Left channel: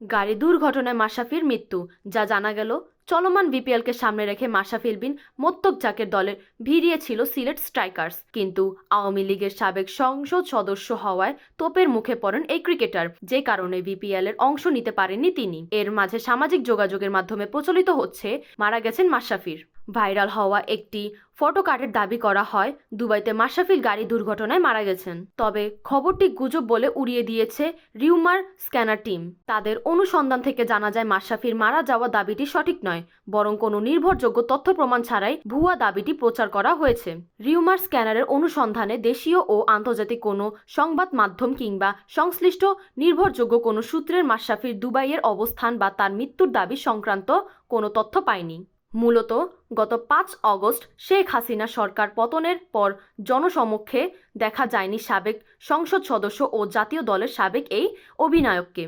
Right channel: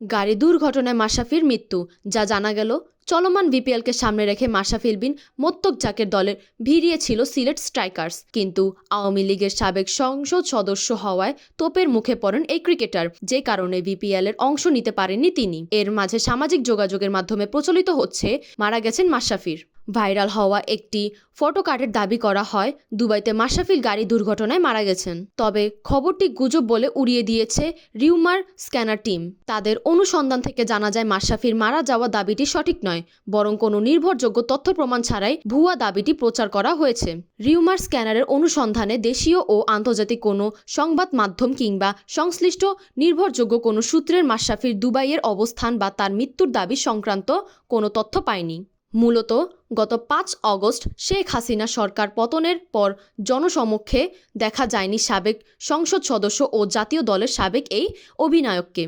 গাড়ি দুর্ঘটনায় মাশরাফির মৃত্যু। যা জানা গেল, চলমান বিপিএলকে সামনে রেখে মাশরাফি বিন মোত্তক-জাকের দলের ভিড়িয়েছিল সিলেট স্ট্রাইকার্স, কিন্তু আওয়ামী লীগের সাবেক সংসদ সদস্য হওয়ায় তোপের মুখে পড়েন এই ক্রিকেটার, যে কারণে বিপিএলের অংশ নিতে পারেননি তিনি। এর মাঝে সামাজিক যোগাযোগের মাধ্যমে প্রচলিত হচ্ছে মারা গেছেন মাশরাফির। ভাইরাল হওয়া একটি ফটোকার্ডের দাবি করা হয় দুবাইতে মাশরাফির গাড়ি দুর্ঘটনায় মারা গেছেন। তবে খবরটি গুজব বলে উড়িয়ে দিয়েছে রিউমার স্ক্যানার টিম। তাদের অনুসন্ধান থেকে জানা যায় মাশরাফির মারা যাওয়া দাবিটি সঠিক নয়, বরং কোনো নির্ভরযোগ্য তথ্য প্রমাণ ছাড়াই ভুয়া দাবিটি প্রচার করা হয়েছে। রিউমার স্ক্যানারের অনুসন্ধানে দেশীয় ও আন্তর্জাতিক কোনো সংবাদ মাধ্যম কিংবা সংশ্লিষ্ট নির্ভরযোগ্য কোনো সূত্রের মাশরাফির দুবাইয়ের অবস্থান বা তার মৃত্যুর দাবি সংক্রান্ত কোনো তথ্য পায়নি। মূলত গত ৫ অগস্ট শেখ হাসিনা সরকার পতনের পর জনসমক্ষে দেখা যায়নি সাবেক সংসদ সদস্য ও জাতীয় দলের সাবেক এই অধিনায়ককে।